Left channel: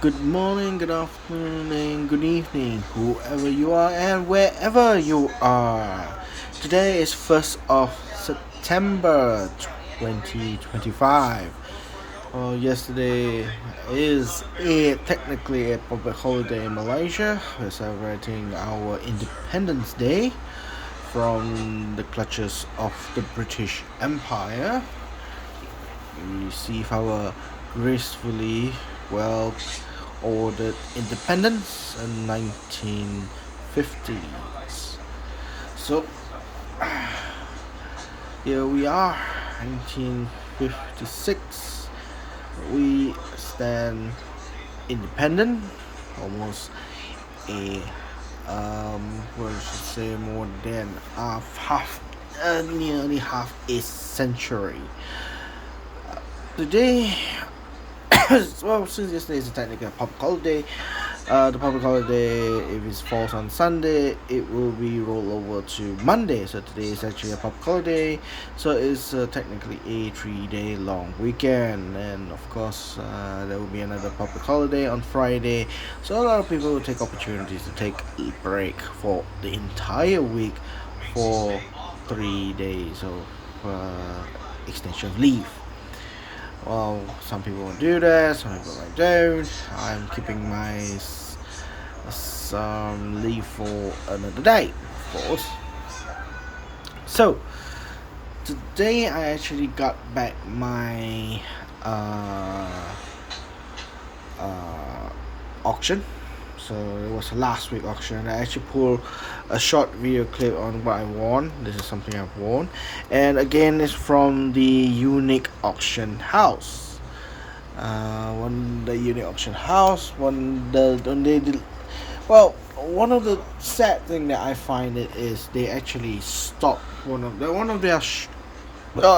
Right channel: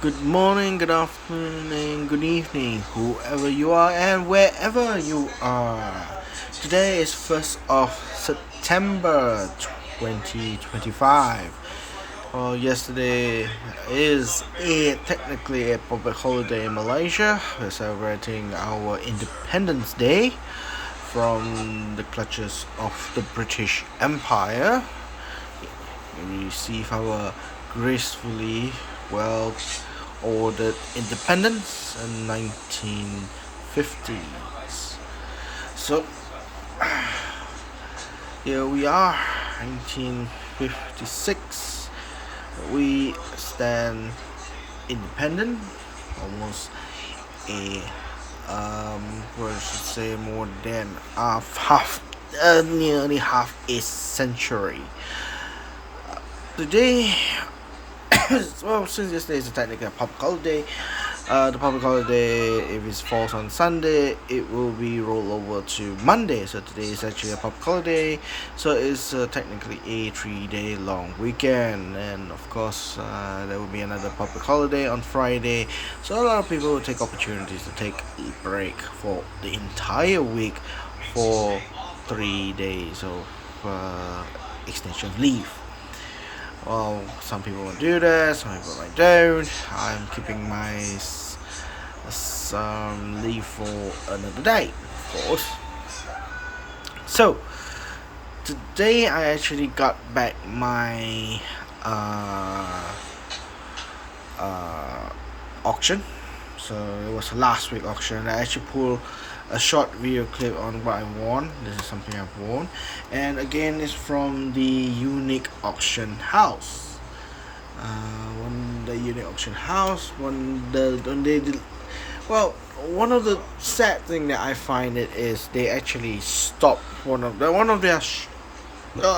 Good morning, good afternoon, good evening, whoever you are and wherever you are. Today is 1st of September 2025. Yesterday is technically a public holiday in Malaysia. We're celebrating our Independence Day from the clutches of the British Empire. We receive our gracefully well ordered independence in 1950s. So here we are, 1956. We stand independent, almost a what I should say more than nearly half a century. Today, well, since yesterday is technically a public holiday, the public holiday, if it falls on Sunday, it will be rolled over to Monday. So today is actually a public holiday. So it's technically a 3-day long weekend. And of course, there will be another public holiday on Friday. So a lot of people will take opportunities to take a break for the entire week for 3 days of extension of leave. Well, some people will do that, some people might don't. I'm keeping my leave for another day, of course. So today I actually got back my auction. So it was last week auction. I actually pulled a short video clip on what I won. This is something I've won, and again, it's from the Unique Auction House. When the Unique Auction House, when they did, well, one of the sad thing that I find it is they actually stopped one of their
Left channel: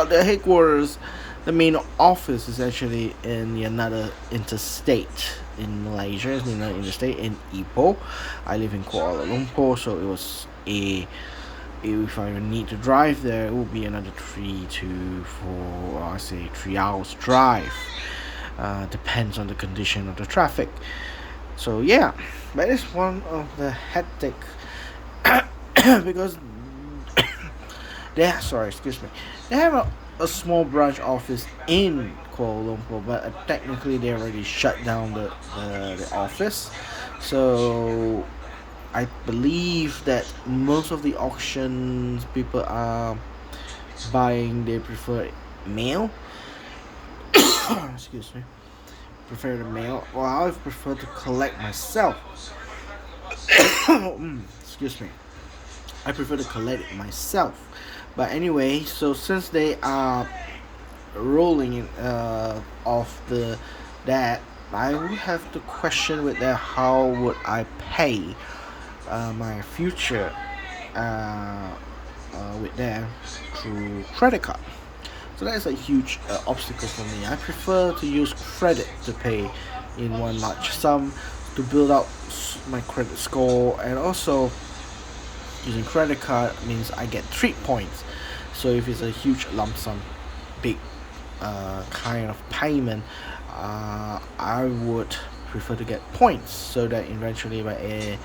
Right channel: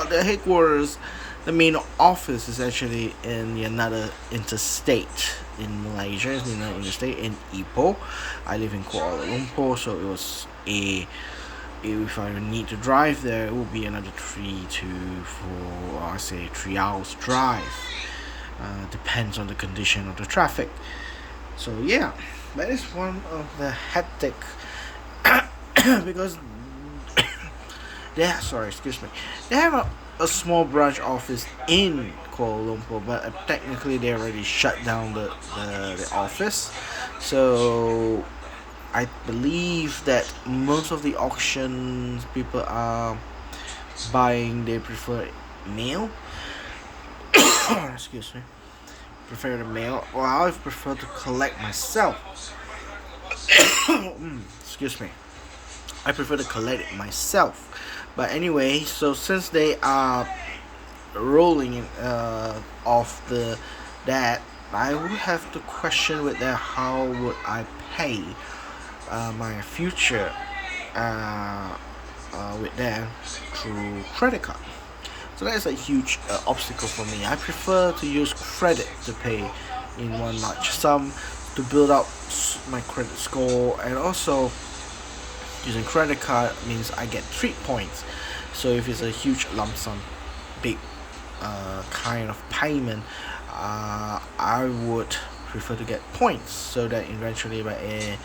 their headquarters. The main office is actually in another interstate in Malaysia. It's in another interstate in Ipoh. I live in Kuala Lumpur, so it was if I need to drive there, it will be another 3 hours drive. Depends on the condition of the traffic. So yeah, that is one of the hectic because they have a small branch office in Kuala Lumpur, but technically they already shut down the office. So I believe that most of the auctions people are buying, they prefer mail. Excuse me. Prefer the mail. Well, I prefer to collect myself. Excuse me. I prefer to collect it myself. But anyway, so since they are rolling in off that, I would have to question with them how would I pay my future with them through credit card. So that is a huge obstacle for me. I prefer to use credit to pay in one large sum to build up my credit score, and also using credit card means I get 3 points. So if it's a huge lump sum, big kind of payment, I would prefer to get points, so that eventually by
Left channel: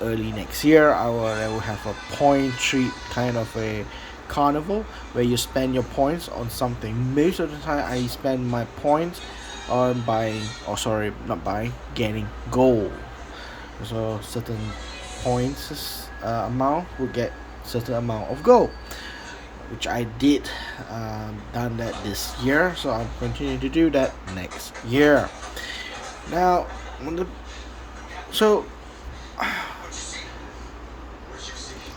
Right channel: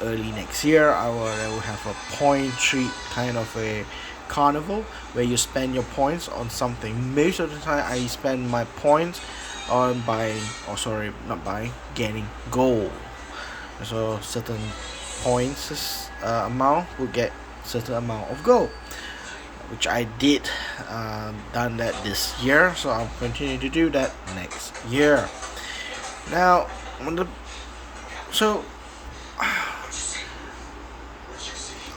early next year I will have a point treat, kind of a carnival where you spend your points on something. Most of the time I spend my points on getting gold. So certain points amount will get certain amount of gold, which I did done that this year, so I'll continue to do that next year. Now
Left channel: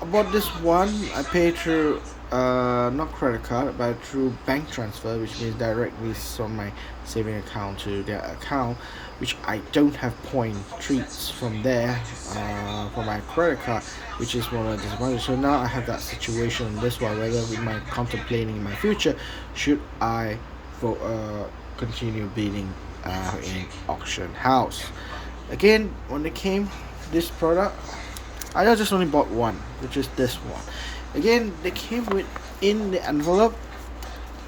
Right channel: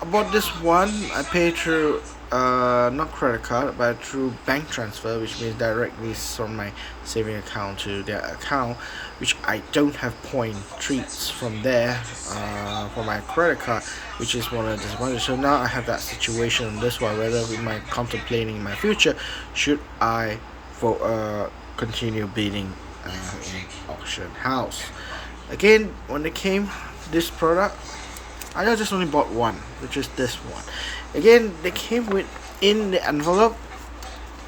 about this one, I pay through not credit card but through bank transfer, which means directly from my saving account to their account, which I don't have point treats from there for my credit card, which is one of the disadvantages. So now I have that situation on this one, whether we might contemplating in my future, should I continue bidding in auction house. Again, when they came this product, I just only bought one, which is this one. Again, they came with in the envelope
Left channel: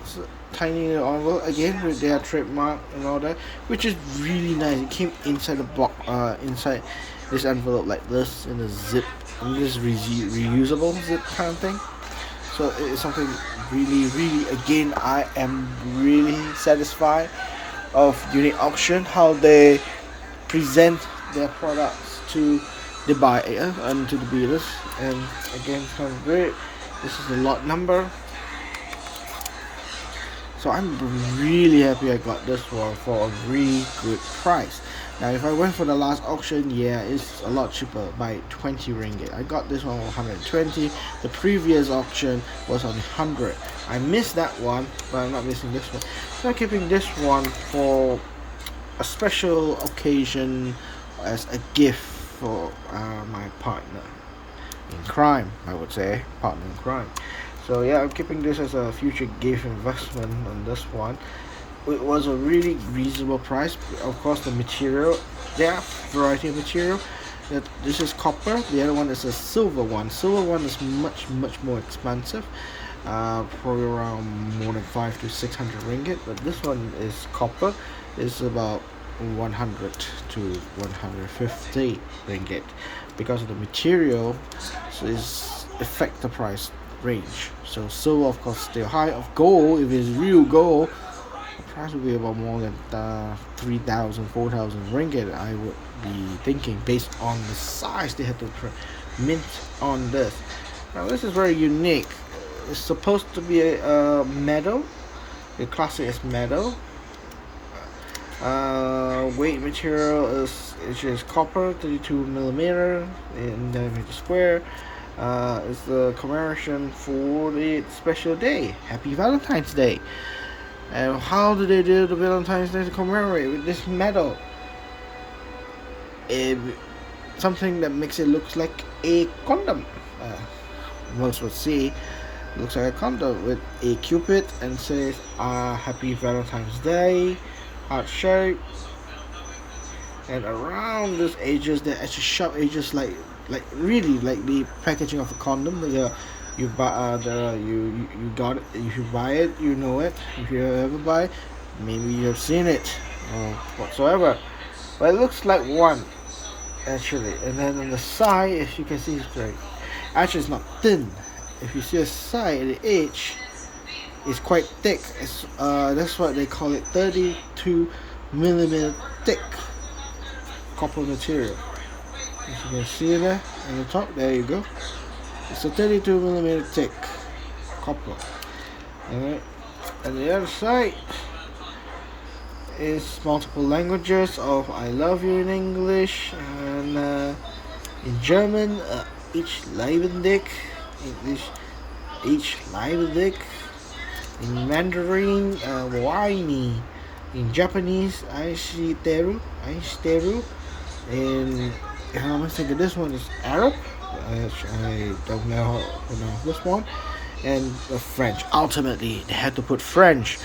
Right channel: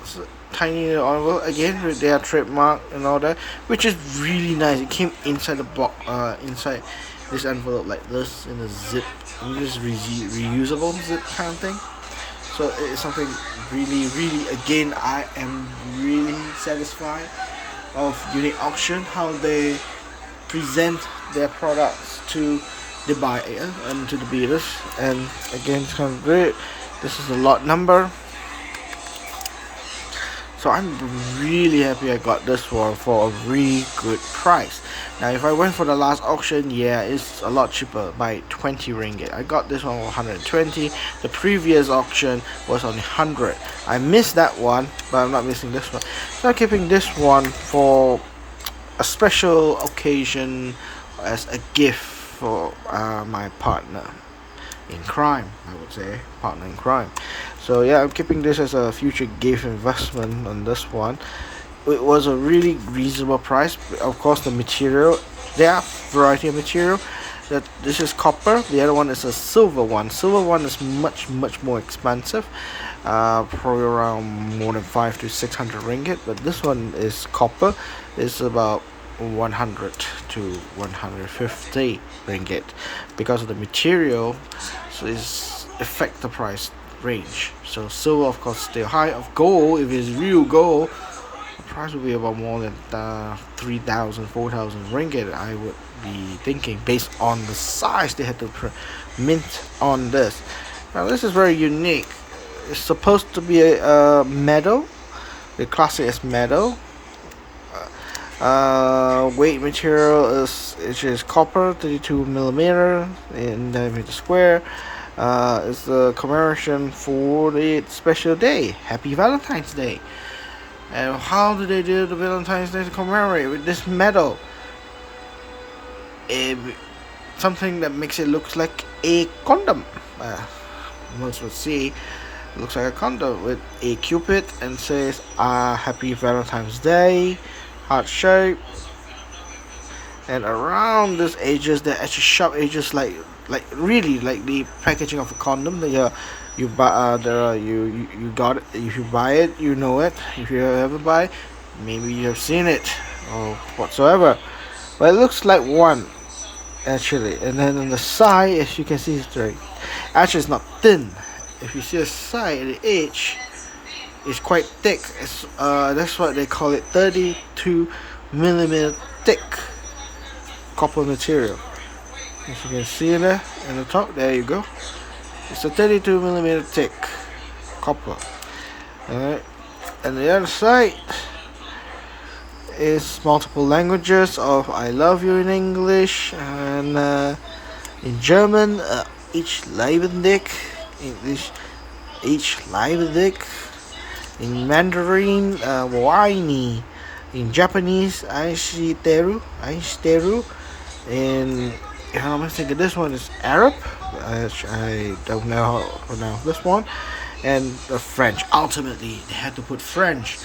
It's a tiny little envelope again with their trademark and all that, which is really nice. It came inside the box, inside this envelope like this in a zip. And this is reusable zip kind of thing. So it's something really again I am really satisfied of Unique Auction, how they present their products to the buyer and to the bidders. And again, it's kind of great. This is the lot number, so I'm really happy I got this one for a really good price. Now if I went for the last auction, yeah, it's a lot cheaper by 20 ringgit. I got this one for 120. The previous auction was only 100. I missed that one, but I'm not missing this one. So I'm keeping this one for a special occasion as a gift for my partner in crime, I would say, partner in crime. So yeah, I'm keeping this as a future gift investment on this one. It was a really reasonable price. Of course, the material, there are variety of material. That this is copper. The other one is a silver one. Silver one is much more expensive, probably around more than 500 to 600 ringgit. But this one is copper. It's about 100 to 150 ringgit because of the material. So it's affect the price range. So silver of course still high. Of gold, if it's real gold, the price will be about more than 3,000 4,000 ringgit, I would be thinking, based on the size they had to mint on this. Now this is very unique. It's supposed to be a metal. The classic is metal. Weight material is copper, 32 millimeter in diameter square. It's the commemoration for the special day, Happy Valentine's Day. And how do they do the Valentine's Day to commemorate with this medal? Something that makes it look like a condom. Most would say it looks like a condom with a cupid and says Happy Valentine's Day, heart shape. And around these edges, there are actually sharp edges, like really like the packaging of a condom. That you buy, you got it. If you buy it, you know it. If you ever buy, maybe you have seen it or whatsoever. But it looks like one actually. And then on the side, as you can see, actually it's not thin. If you see a side at the edge, it's quite thick. That's what they call it, 32 millimeter thick copper material. As you can see there in the top, there you go. It's a 32 millimeter thick copper. Alright, and the other side is multiple languages of I love you in English, and in German, ich liebe dich, English, ich liebe dich, in Mandarin, waini, in Japanese, aishiteru, and if I'm thinking this one is Arab, I don't know how to pronounce this one, and the French. Ultimately, they had to put French.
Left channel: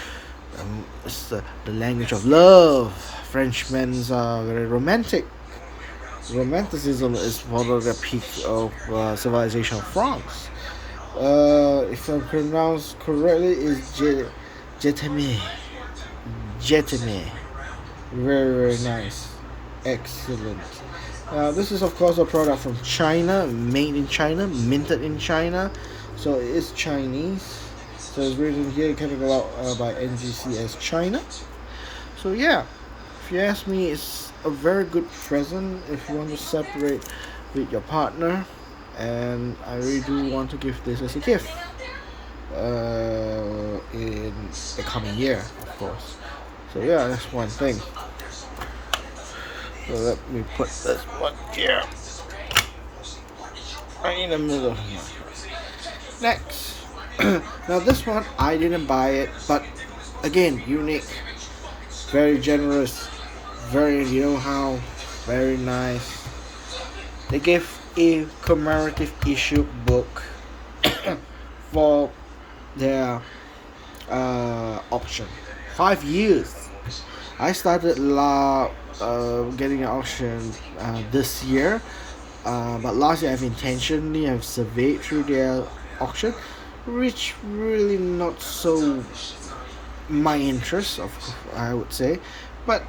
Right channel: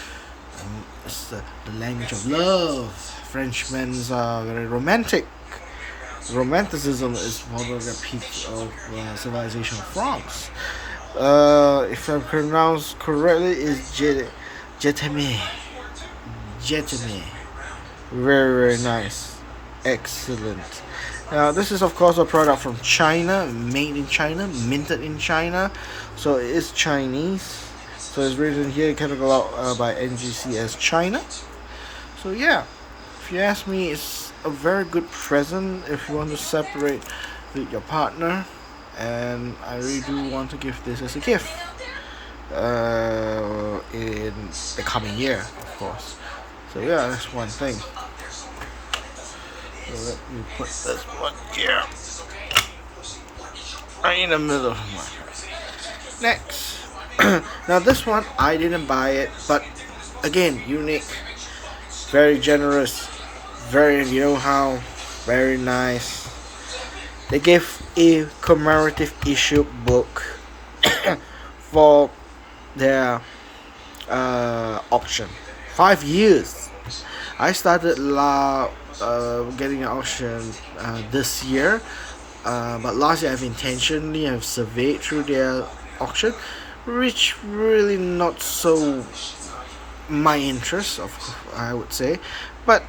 It's the language of love. Frenchmen are very romantic. Romanticism is one of the peaks of civilization of France. If I pronounce correctly, is jetame. Very nice, excellent. Now this is of course a product from China, made in China, minted in China, so it is Chinese. So it's written here, cataloged by NGC as China. So yeah, if you ask me, it's a very good present if you want to separate with your partner, and I really do want to give this as a gift in the coming year, of course. So yeah, that's one thing. So let me put this one here, right in the middle of my head. Next, now this one I didn't buy it, but again, unique, very generous, very, you know how, very nice. They gave a commemorative issue book for their auction. 5 years. I started getting an auction this year, but last year I've surveyed through their auction, which really not so my interest, I would say, but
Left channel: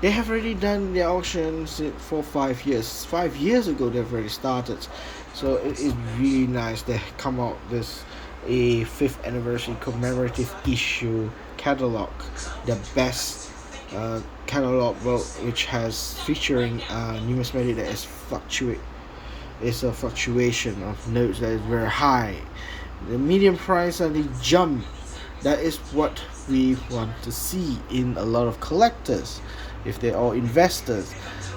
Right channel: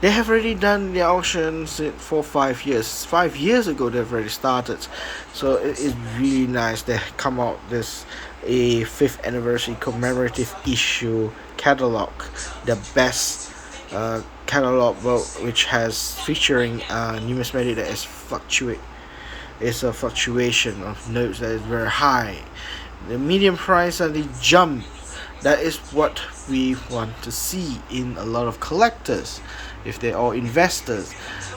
they have already done the auctions for 5 years. 5 years ago, they've already started, so it is really nice. They come out this a fifth anniversary commemorative issue catalog, the best catalog, well, which has featuring numismatic that is fluctuate. It's a fluctuation of notes that is very high. The medium price and the jump, that is what we want to see in a lot of collectors, if they're all investors.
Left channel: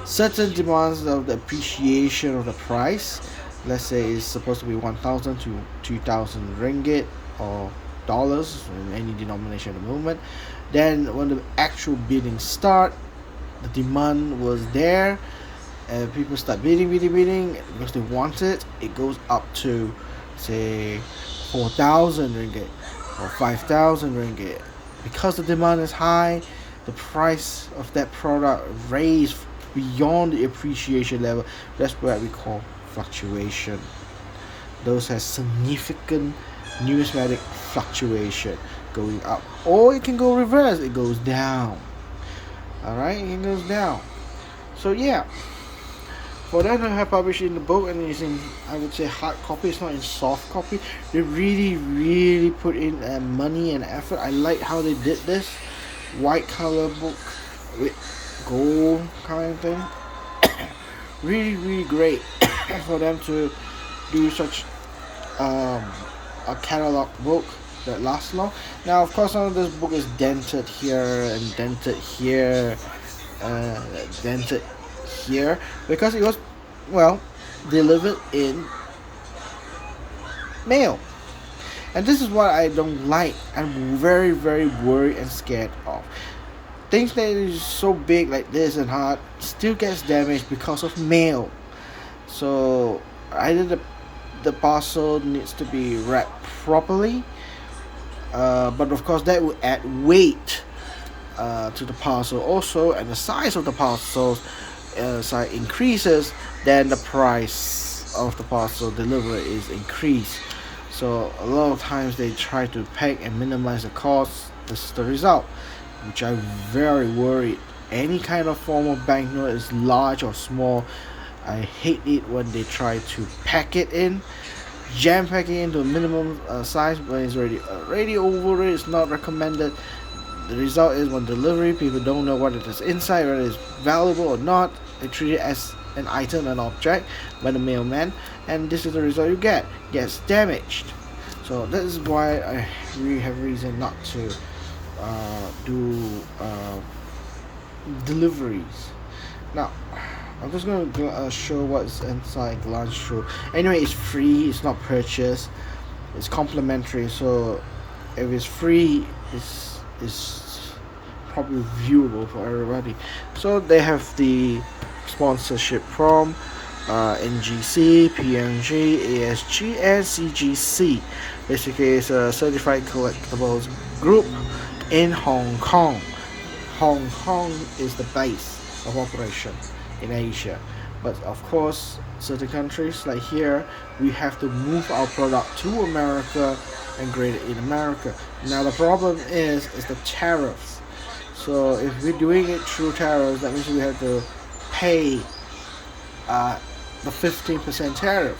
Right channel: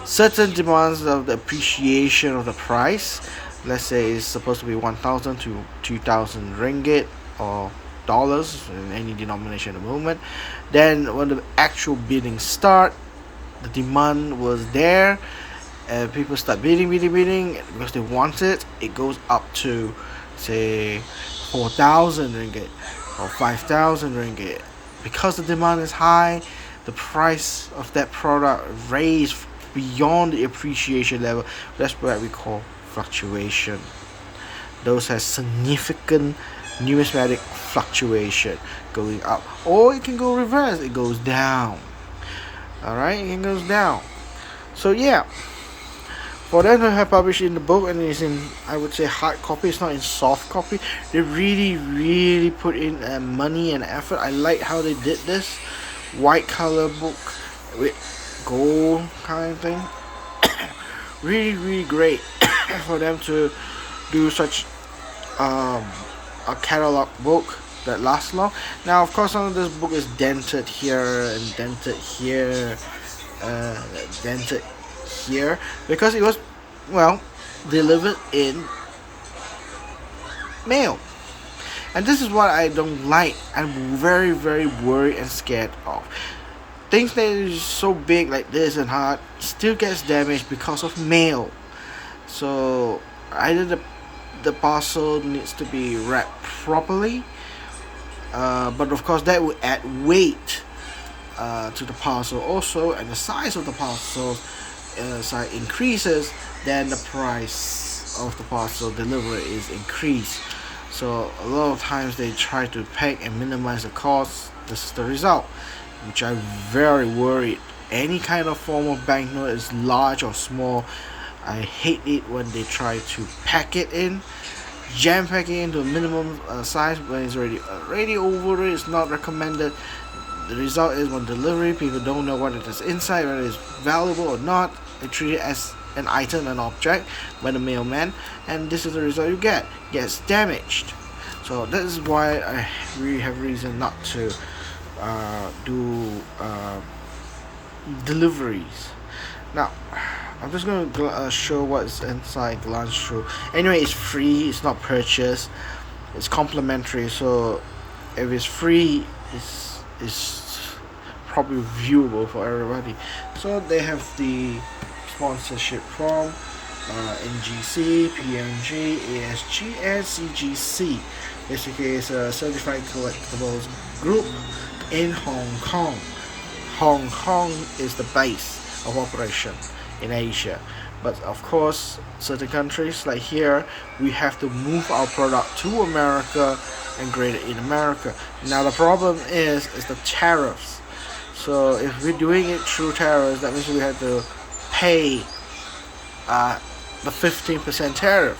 Certain demands of the appreciation of the price, let's say it's supposed to be 1,000 to 2,000 ringgit or dollars in any denomination at the moment. Then when the actual bidding start, the demand was there, and people start bidding because they want it. It goes up to say 4,000 ringgit or 5,000 ringgit. Because the demand is high, the price of that product raised beyond the appreciation level. That's what we call fluctuation. Those has significant numismatic fluctuation going up, or it can go reverse, it goes down. All right, it goes down. So yeah, for them to have published in the book, and it's in, I would say, hard copy, it's not in soft copy, they really put in money and effort. I like how they did this white color book with gold kind of thing. Really great for them to do such a catalog book that lasts long. Now of course some of this book is dented here and dented here, dented here, because it was, well, delivered in mail. And this is what I don't like. I'm very worried and scared of. Things that is so big like this and hard still gets damaged because of mail. So either the parcel needs to be wrapped properly, but of course that would add weight to the parcel also, and the size of the parcel size increases, then the price of the parcel delivery is increased. So a lot of times they try to pack and minimize the cost. This is the result, which I'm very worried. Any kind of form of banknote is large or small, I hate it when they try to pack it in, jam pack it into a minimum size when it's already over it. It's not recommended. The result is when delivery, people don't know what it is inside, whether it's valuable or not. They treat it as an item, an object by the mailman, and this is the result you get. It gets damaged. So that is why I really have reason not to do deliveries. Now I'm just going to show what's inside, glance through. Anyway, it's free, it's not purchased, it's complimentary, so if it's free, it's probably viewable for everybody. So they have the sponsorship from NGC, PNG, ASG, and CGC. Basically, it's a certified collectibles group in Hong Kong. Hong Kong is the base of operation in Asia, but of course certain countries like here, we have to move our product to America and grade it in America. Now the problem is the tariffs. So if we're doing it through tariffs, that means we have to pay the 15% tariff.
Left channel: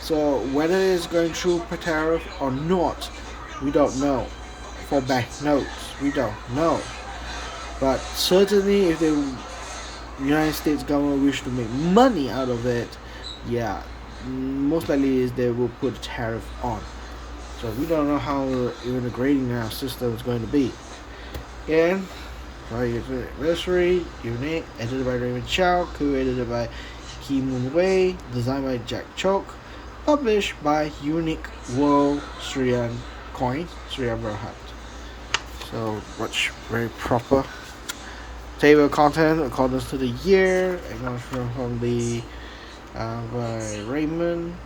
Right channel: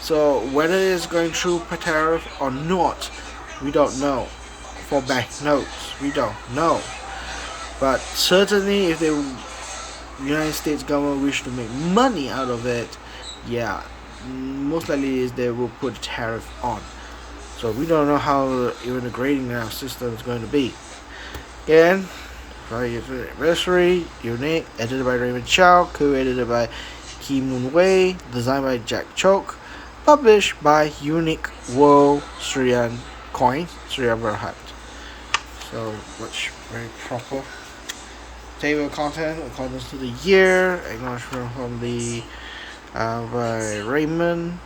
So whether it's going through per tariff or not, we don't know. For banknotes, we don't know. But certainly if the United States government wish to make money out of it, yeah, most likely is they will put a tariff on. So we don't know how even the grading now system is going to be. Again, anniversary, unique, edited by Raymond Chow, co-edited by Ki Moon Wei, designed by Jack Choke, published by Unique World Sriyan Coins, Sriyan Berhad. So much very proper. Table of content according to the year, acknowledgement from the by Raymond.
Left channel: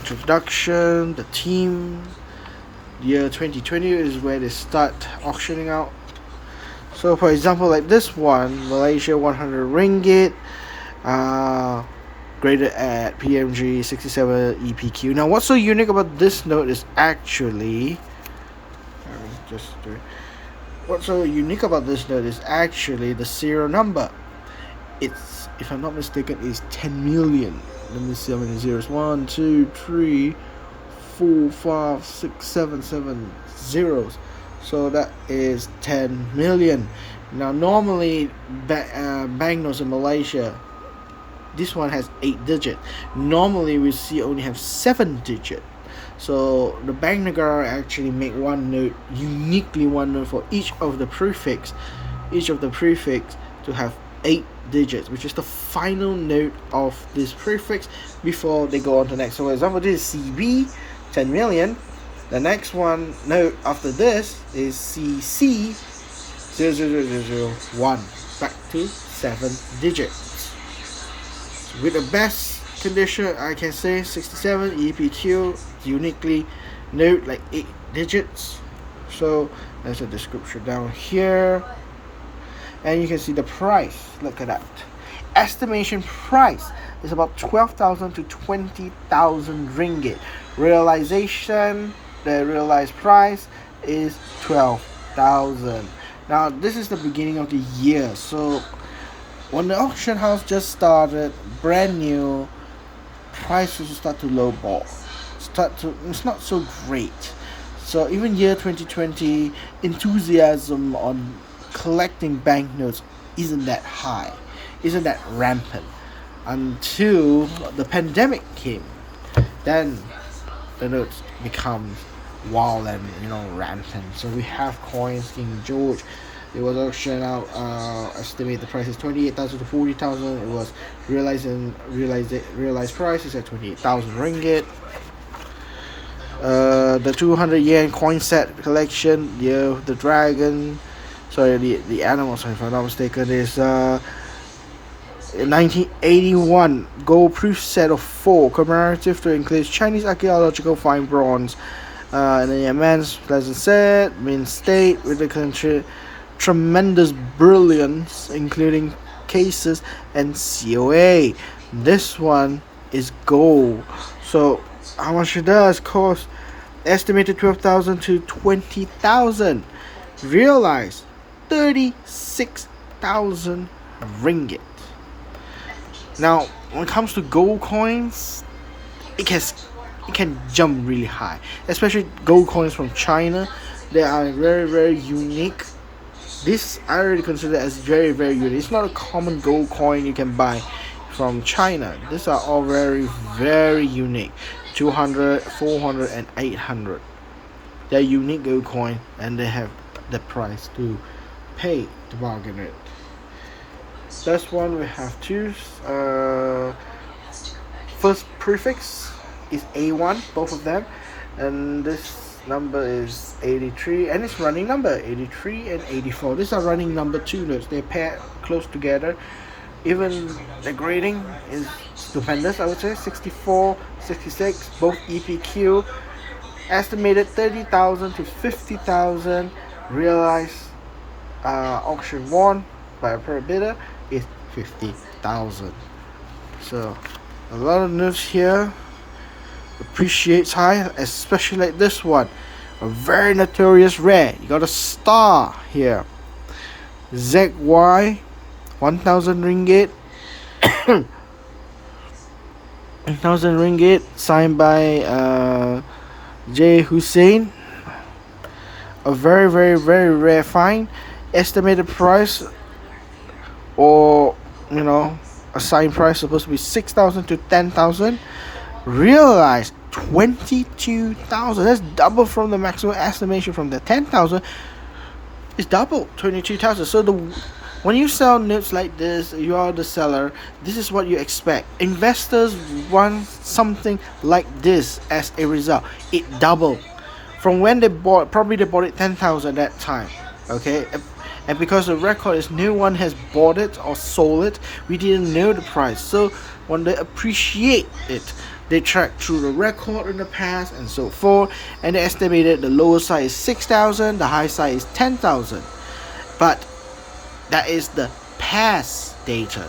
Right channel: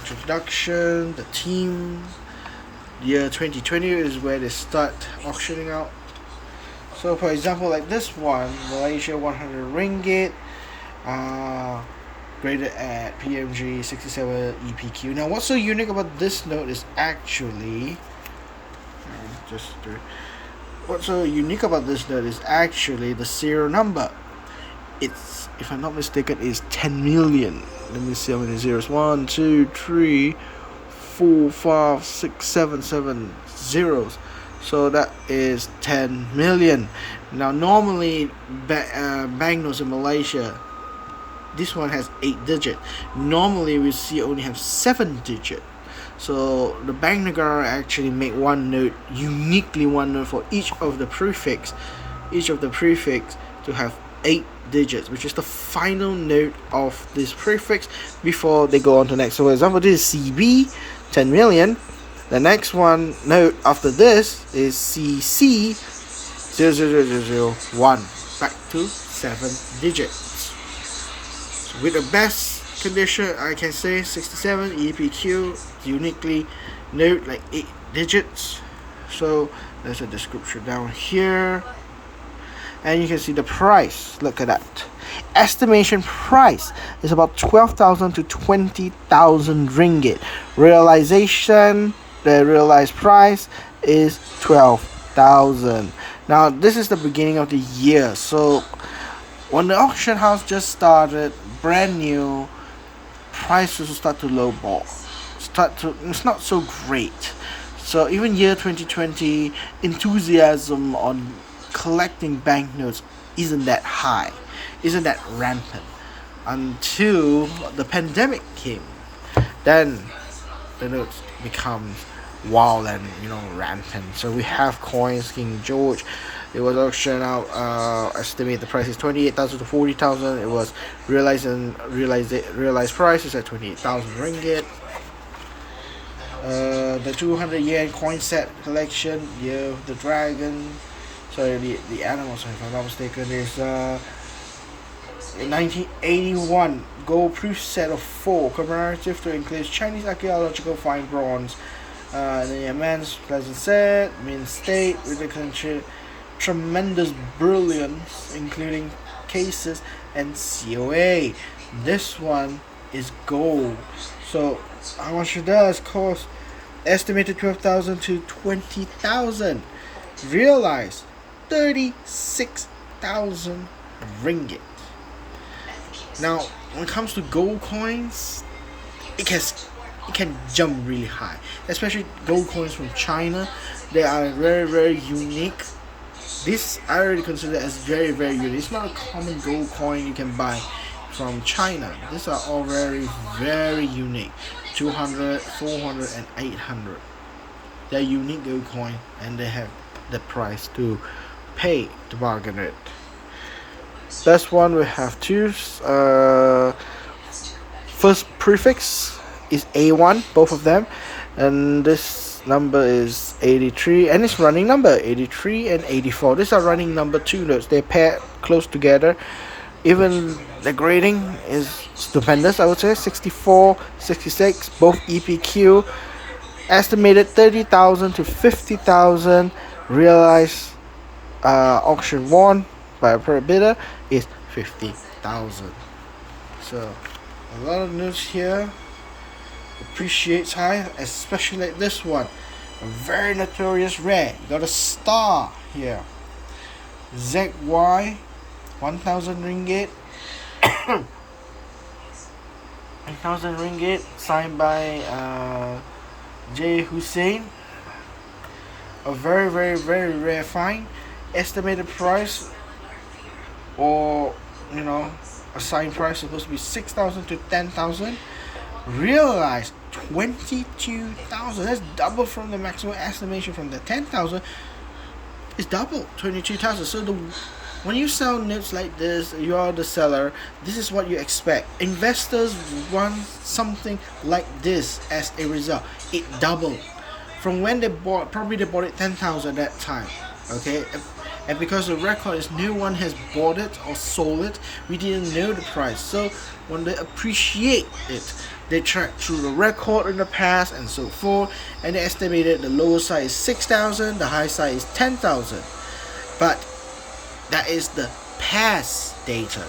Introduction, the team. The year 2020 is where they start auctioning out. So for example, like this one, Malaysia 100 ringgit, graded at PMG 67 EPQ. Now what's so unique about this note is actually, what's so unique about this note is actually the serial number. It's, if I'm not mistaken, is 10 million. Let me see how many zeros. 1, 2, 3, 4, 5, 6, 7 zeros. So that is 10 million. Now normally banknotes in Malaysia, this one has 8 digits. Normally we see only have 7 digits. So the Bank Negara actually make one note, uniquely one note for each of the prefix to have 8 digits, which is the final note of this prefix before they go on to the next. So for example, this is CB, 10 million. The next one note after this is CC, 00001, back to 7 digits. So with the best condition, I can say 67 EPQ, uniquely note like 8 digits. So there's a description down here, and you can see the price. Look at that. Estimation price is about 12,000 to 20,000 ringgit. Realization, the realized price is 12,000. Now this is the beginning of the year, so when the auction house just started, brand new, prices start to lowball. It's not so great. So even year 2020, enthusiasm on collecting banknotes isn't that high, isn't that rampant, until the pandemic came. Then the notes become wild and rampant. So we have coins King George. It was auctioned out. Estimate the price is 28,000 to 40,000. It was realized price is at 28,000 ringgit. The 200 yen coin set collection, the dragon, sorry, the animals, if I'm not mistaken, is 1981 gold proof set of 4, commemorative to include Chinese archaeological fine bronze, and a man's pleasant set, mint state with the country tremendous brilliance, including cases and COA. This one is gold. So how much it does cost? Estimated 12,000 to 20,000. Realized 36,000 ringgit. Now when it comes to gold coins, it can jump really high, especially gold coins from China. They are very, very unique. This I already consider as very, very unique. It's not a common gold coin you can buy from China. These are all very, very unique. 200, 400 and 800. They're unique gold coin, and they have the price to pay to bargain it. This one we have two. First prefix is A1, both of them, and this number is 83, and it's running number 83 and 84. These are running number 2 notes. They pair close together. Even the grading is stupendous, I would say. 64, 66, both EPQ. Estimated 30,000 to 50,000. Realized auction won by a per bidder is 50,000. So a lot of notes here. Appreciates high, especially like this one, a very notorious rare. You got a star here. ZY, 1,000 ringgit. 1,000 ringgit, signed by J. Hussein. A very, very, very rare find. Estimated price, or a signed price, supposed to be 6,000 to 10,000. Realized 22,000. That's double from the maximum estimation from the 10,000. It's double, 22,000. So when you sell notes like this, you are the seller. This is what you expect. Investors want something like this as a result. It doubled from when they bought. Probably they bought it 10,000 at that time. Okay, and because the record is no one has bought it or sold it, we didn't know the price. So when they appreciate it, they track through the record in the past and so forth, and they estimated the lower side is 6,000, the high side is 10,000. But that is the past data,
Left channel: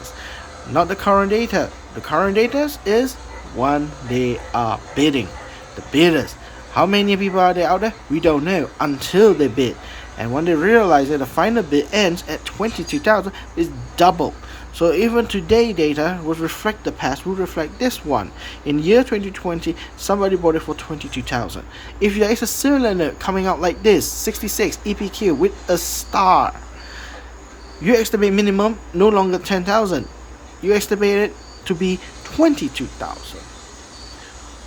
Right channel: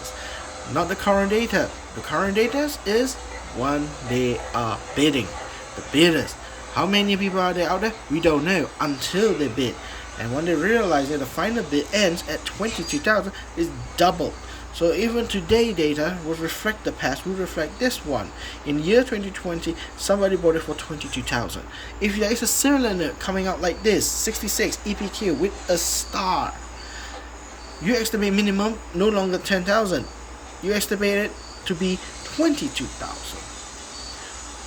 not the current data. The current data is when they are bidding. The bidders. How many people are there out there? We don't know until they bid. And when they realize that the final bid ends at 22,000, it's double. So even today data would reflect the past, would reflect this one. In year 2020, somebody bought it for 22,000. If there is a similar note coming out like this, 66 EPQ with a star, you estimate minimum no longer 10,000. You estimate it to be 22,000.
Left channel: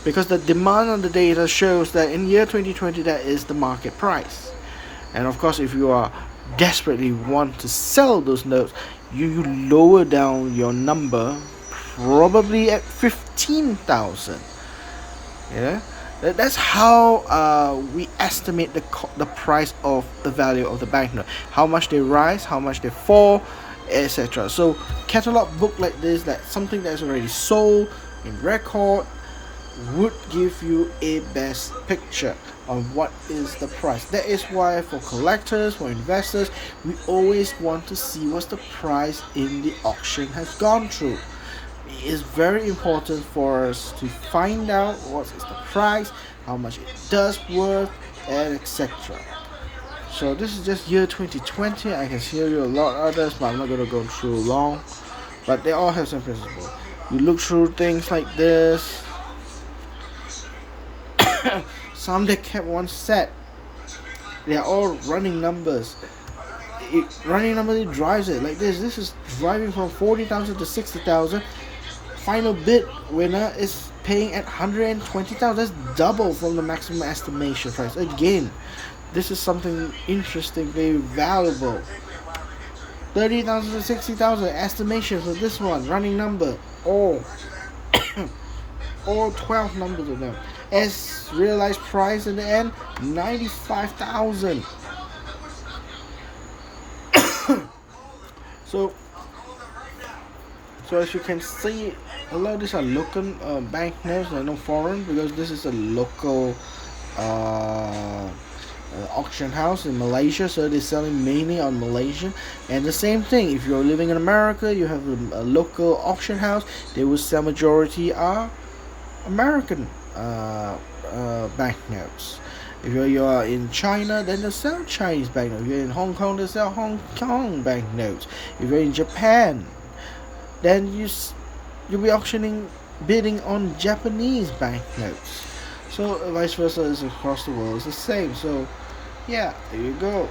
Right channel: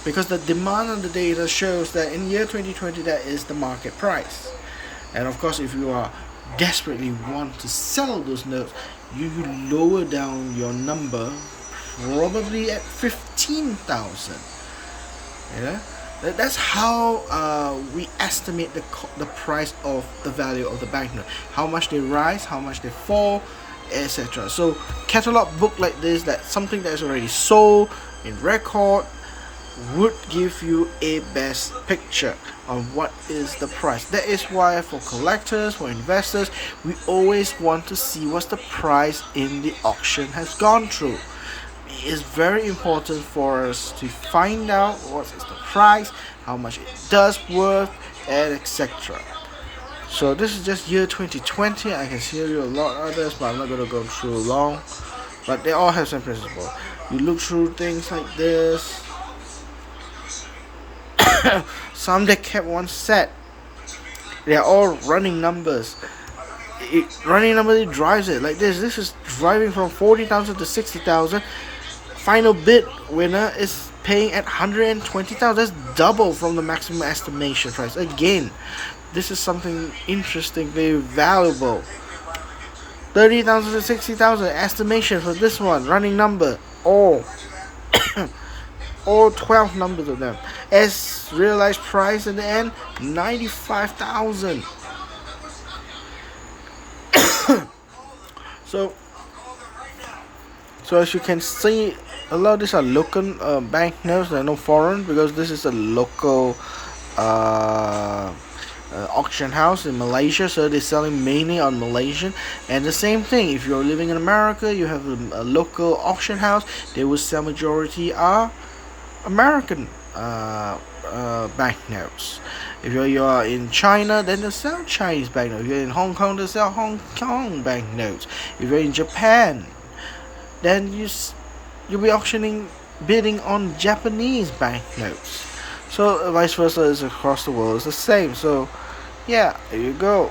Because the demand on the data shows that in year 2020 that is the market price. And of course, if you are desperately want to sell those notes, you lower down your number probably at 15,000. Yeah, that's how we estimate the price of the value of the banknote. How much they rise, how much they fall, etc. So catalog book like this, that something that is already sold in record, would give you a best picture on what is the price. That is why for collectors, for investors, we always want to see what's the price in the auction has gone through. It is very important for us to find out what is the price, how much it does worth, and etc. So this is just year 2020. I can show you a lot of others, but I'm not going to go through long. But they all have some principle. You look through things like this. Some they kept one set. They are all running numbers. Running number it drives it like this. This is driving from 40,000 to 60,000. Final bid winner is paying at 120,000. That's double from the maximum estimation price. Again, this is something interesting, very valuable. 30,000 to 60,000 estimation for this one. Running number. All 12 numbers of them. As realized price in the end, 95,000. So as you can see, a lot of these are local banknotes. They're no foreign, because this is a local auction house in Malaysia, so they're selling mainly on Malaysian. And the same thing, if you're living in America, you have a local auction house, they will sell majority are American banknotes. If you are in China, then they sell Chinese banknotes. If you're in Hong Kong, they sell Hong Kong banknotes. If you're in Japan, then you'll be bidding on Japanese banknotes. So vice versa is across the world. It's the same. So yeah, there you go.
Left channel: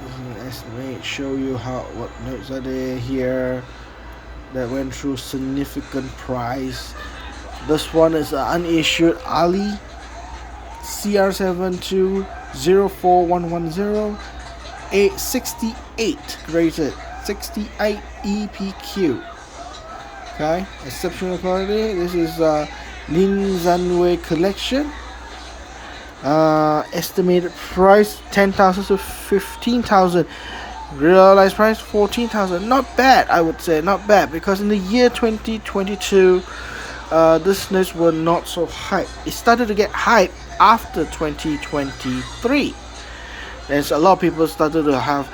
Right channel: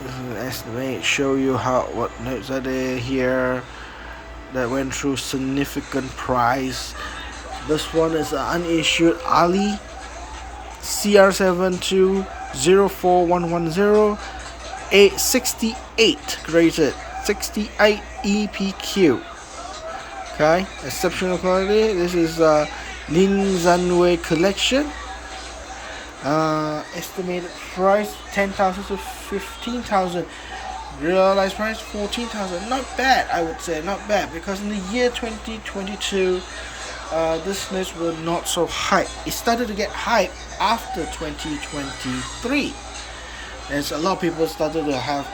This is an estimate. Show you what notes are there here that went through significant price. This one is an unissued Ali CR7204110 868 graded 68 EPQ. Okay, exceptional quality. This is Lin Zanwei collection. Estimated price 10,000 to 15,000. Realized price 14,000. Not bad, I would say. Not bad, because in the year 2022, this notes were not so hype. It started to get hype after 2023. There's a lot of people started to have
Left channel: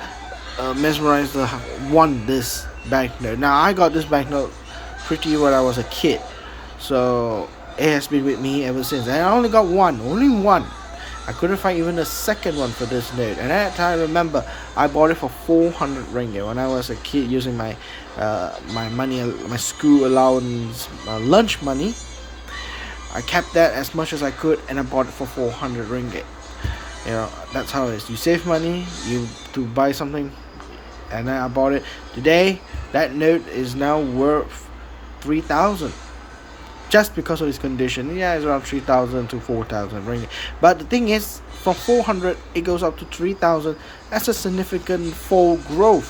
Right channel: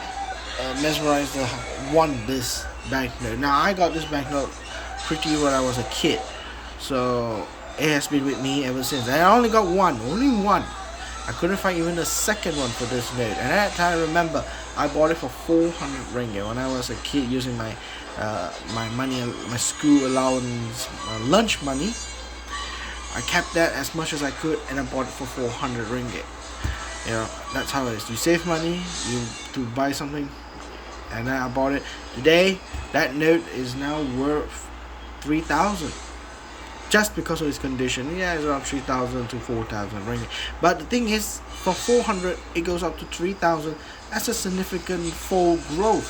mesmerized to want this banknote. Now I got this banknote pretty when I was a kid, so it has been with me ever since. And I only got only one. I couldn't find even a second one for this note. And at that time, I remember I bought it for 400 ringgit when I was a kid, using my money, my school allowance, lunch money. I kept that as much as I could, and I bought it for 400 ringgit. You know, that's how it is. You save money, to buy something, and then I bought it. Today, that note is now worth 3,000. Just because of its condition. Yeah, it's around 3,000 to 4,000 ringgit. But the thing is, from 400 it goes up to 3,000. That's a significant full growth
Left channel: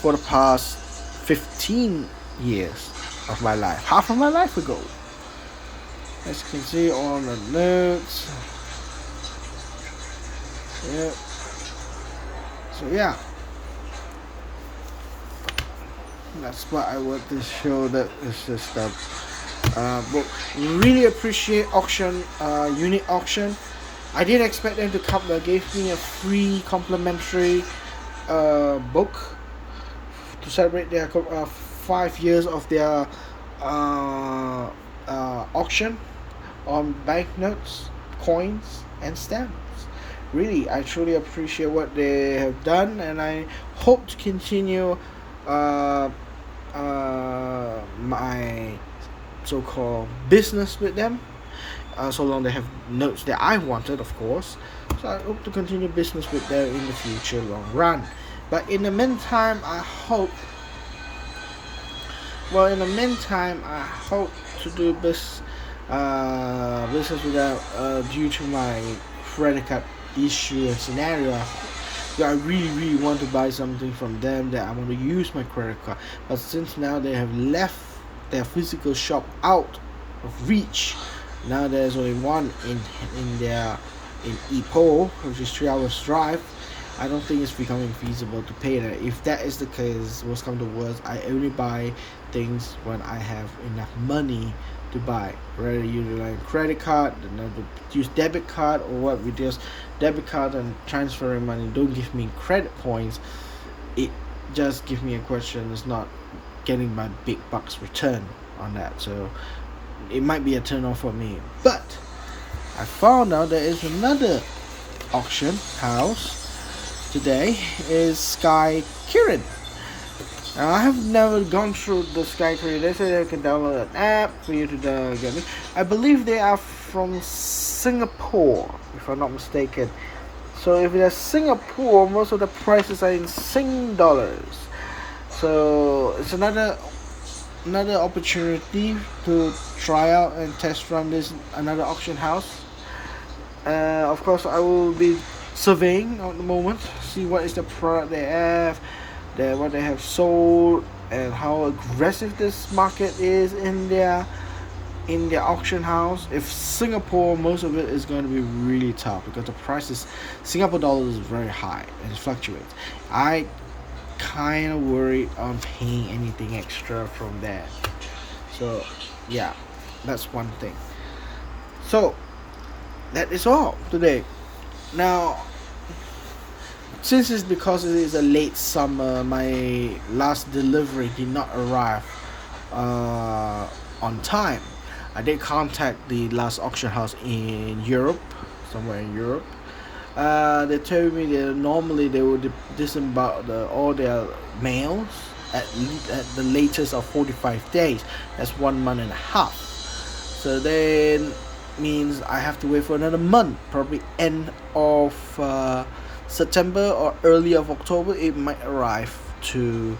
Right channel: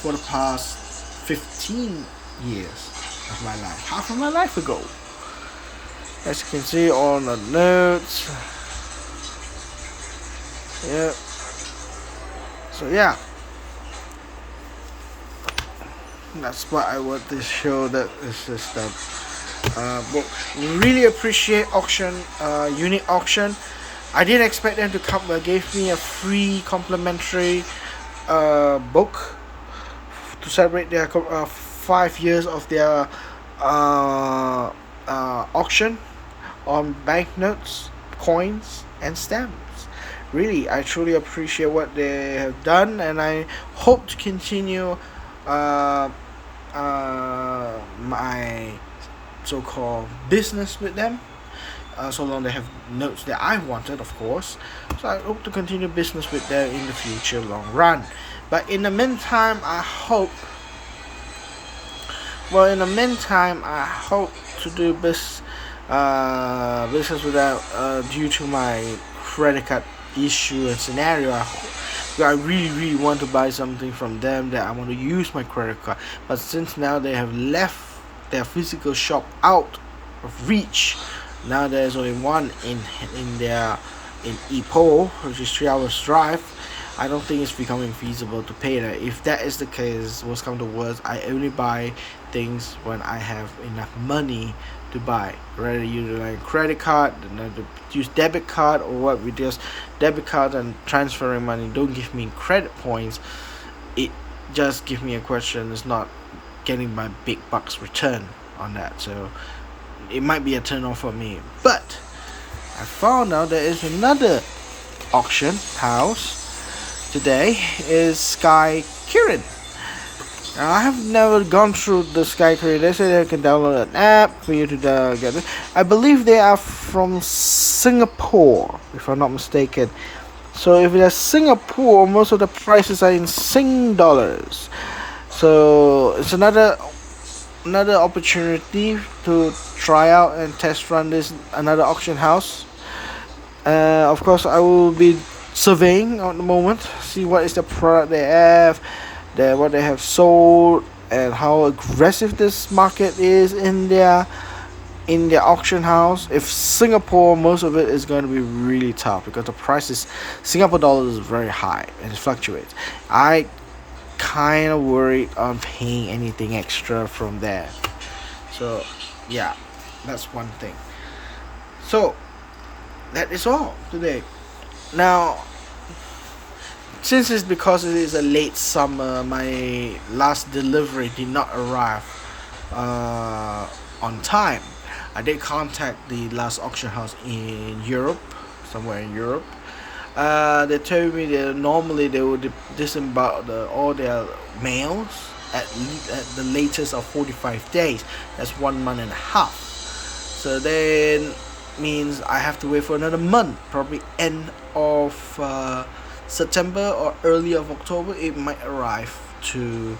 for the past 15 years of my life. Half of my life ago. As you can see on the notes. Yeah. So yeah. That's what I want to show. That is just the book. Really appreciate auction, unique auction. I didn't expect them to come. They gave me a free complimentary book to celebrate their 5 years of their auction on banknotes, coins, and stamps. Really, I truly appreciate what they have done, and I hope to continue my so-called business with them. So long they have notes that I wanted, of course. So I hope to continue business with them in the future, long run. But in the meantime, I hope. Well, in the meantime, I hope to do business with them due to my credit card issue and scenario. I really want to buy something from them that I want to use my credit card. But since now they have left their physical shop out of reach, now there's only one in Ipoh, which is 3 hours drive. I don't think it's becoming feasible to pay that. If that is the case, worst come to worst, I only buy things when I have enough money to buy. Rather utilize credit card, to use debit card, or what with just debit card and transferring money don't give me credit points. It just gives me a question. It's not getting my big bucks return on that. So it might be a turn off for me. But I found out there is another auction house today, is Sky Kirin. Now, I have never gone through the Sky Kirin. They say they can download an app for you to get it. I believe they are from Singapore, if I'm not mistaken. So if it's Singapore, most of the prices are in Sing dollars. So it's another opportunity to try out and test run this another auction house. Of course, I will be surveying at the moment, see what is the product they have, what they have sold, and how aggressive this market is in their auction house. If Singapore, most of it is going to be really tough because the price is Singapore dollars is very high and it fluctuates. I kind of worried on paying anything extra from there. So yeah, that's one thing. So that is all today. Now, since it's because it is a late summer, my last delivery did not arrive on time. I did contact the last auction house in Europe, somewhere in Europe. They told me that normally they would disembark all their mails at the latest of 45 days. That's 1 month and a half. So then means I have to wait for another month, probably end of September or early of October. It might arrive to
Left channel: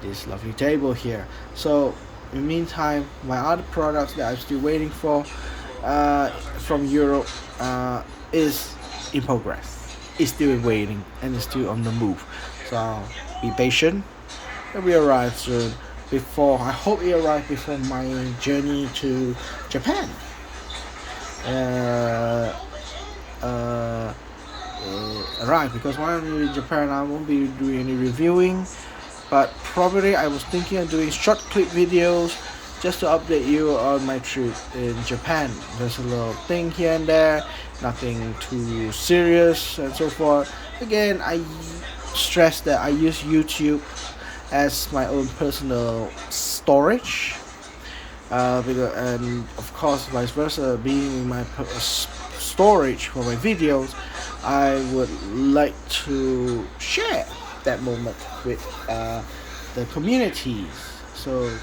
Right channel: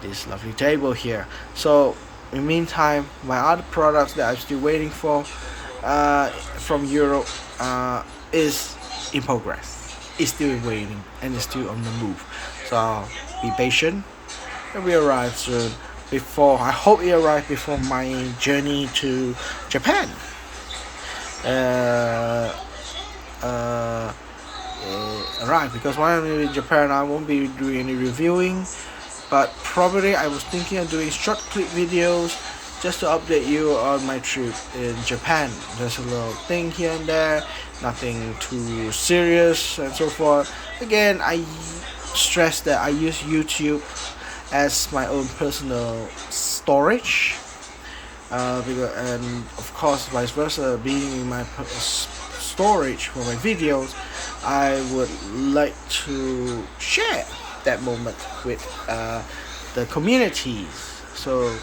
this lovely table here. So in the meantime, my other products that I'm still waiting for from Europe is in progress. It's still waiting and it's still on the move. So be patient. It will arrive soon. I hope it arrives before my journey to Japan. Arrive, because when I'm in Japan, I won't be doing any reviewing, but probably I was thinking of doing short clip videos just to update you on my trip in Japan. There's a little thing here and there, nothing too serious and so forth. Again, I stress that I use YouTube as my own personal storage, and of course vice versa, being in my storage for my videos, I would like to share that moment with the communities. So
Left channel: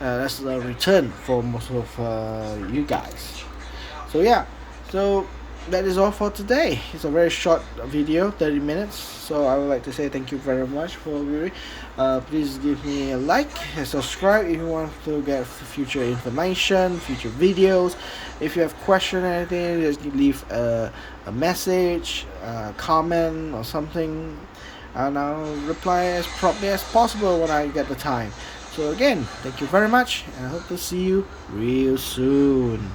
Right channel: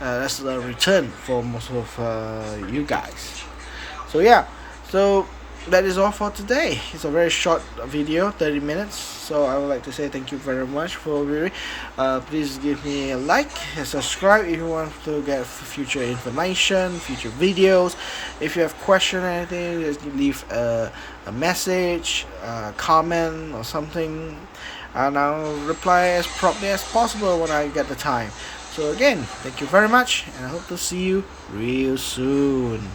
that's the return for most of you guys. So yeah, so that is all for today. It's a very short video, 30 minutes. So I would like to say thank you very much for viewing. Please give me a like and subscribe if you want to get future information, future videos. If you have questions or anything, just leave a message, a comment or something, and I'll reply as promptly as possible when I get the time. So again, thank you very much, and I hope to see you real soon.